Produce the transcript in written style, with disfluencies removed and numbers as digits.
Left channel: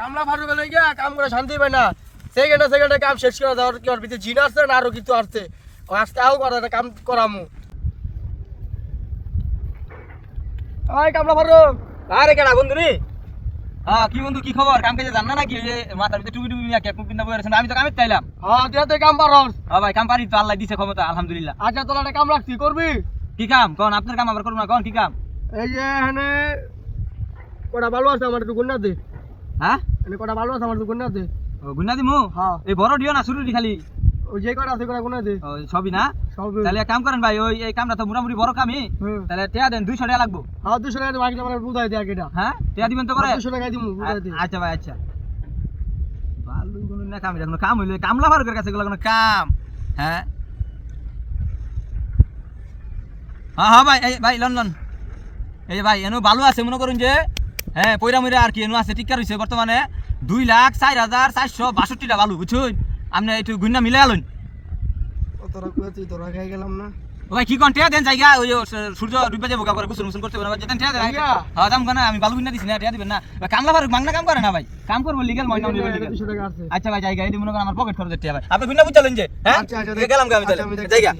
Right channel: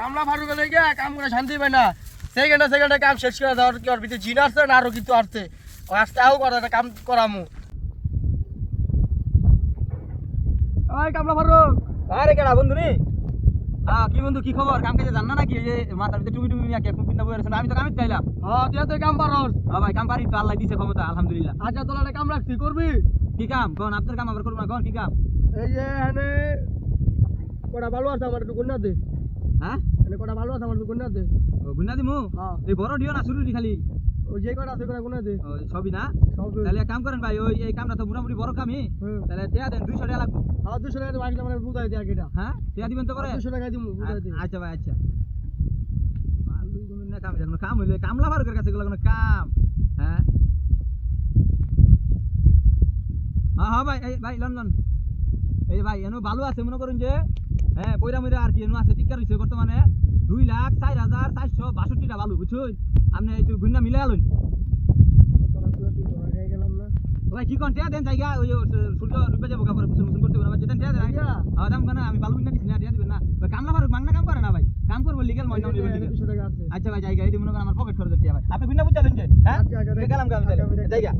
কামলা ফারুক হলে গিয়া কাম করে শান্তি পায় না। সেকেন্ডে কাম শেষ করে দেওয়ার কি ওর ভিতরে জিন আসছে না আরো কিছু আসছে? ও আসতে আও করে কাম করামু। ওই কামলা ফারুক। আরে কেডা বন্ধু রে? কি বন্ধু কি খবর? কাম কাজে জান না নাকি? ওই যে মাথার ভিতরে টুপি টুপি নিয়ে ক্যাপ পিন্না বই আছেন। আমি তো কামে চাইলাম। হ্যাঁ তুই তো কাম পারস। ভাই কাম পারি তো, আল্লাহ দিছে ক্ষমতা আলহামদুলিল্লাহ। আচ্ছা তোর একটা কাম রাখছি, করবি? কি কাম? কোন আপনার কাম আবার করব না, কোন কি কাম? এই যে এখানে কটা ভালো আছে আমার একটু গুন্না দে। হ্যাঁ? এখানে কটা ভালো আছে আমার একটু গুন্না দে। ও গুনা দিমু? হ্যাঁ। এই বড় দিও না, শুরু দি খালি। ওই যে কটা আছে কটা গুন্না দে। ও সবই না? সব। তাহলে এক কাম করেন ভাই, ওই এই কামটা তো মোটামুটি বড় কামই। তাহলে টিয়া দেন 200 টাকা লাগবো। হ্যাঁ 200 টাকা দিয়ে বাকি আমার বুঝাই দে আগেটা। হ্যাঁ? টিয়া দিবেন তো করে? 200 টাকা দিমু বুঝাই দে। আচ্ছা ভাই আচ্ছা। ভালো কোনো না কাম, কোনো কাম হইলে কামলা ফারুকের কাছে গুলো কোনো কাম। হ্যাঁ হ্যাঁ ভাই, এই ভাই লন লন। এই যে ভাই এনু ভালো আছে মনে করুন যে, হ্যাঁ পয়রা ময়রা আর কি এনু আছে, টিকার হইছে বর্তমানে 2,04,462 টা ভালো, বুঝছুন? আপনি একটু গুন্না মিলে আলুন। তোরা কুয়াতি তোরা খাই গেলাম না। ও ভাই কি কোন টিয়া দেন জায়গা, ওই সূর্য ডুবে যাবো করে গোসল মোসল করতে পারবে, যেতেন টিয়া দেন। হ্যাঁ দাম কেন, আমি ভালো গুন্না দিছি না, টিয়া দিবেন না? কামলা ফারুক মাংনা কাম করে না ভাই, কাম করবো লিগেল ময়না লিগেল। 200 টাকা আছে। আচ্ছা ভাই জায়গা এই মনে করেন আমার পকেট খরচ টিয়া ভাই, আপনি গুন্না বুঝালেন যে? হ্যাঁ আচ্ছা, গেলাম আমি তাহলে আচ্ছা, আমি দেখছি। জায়গা।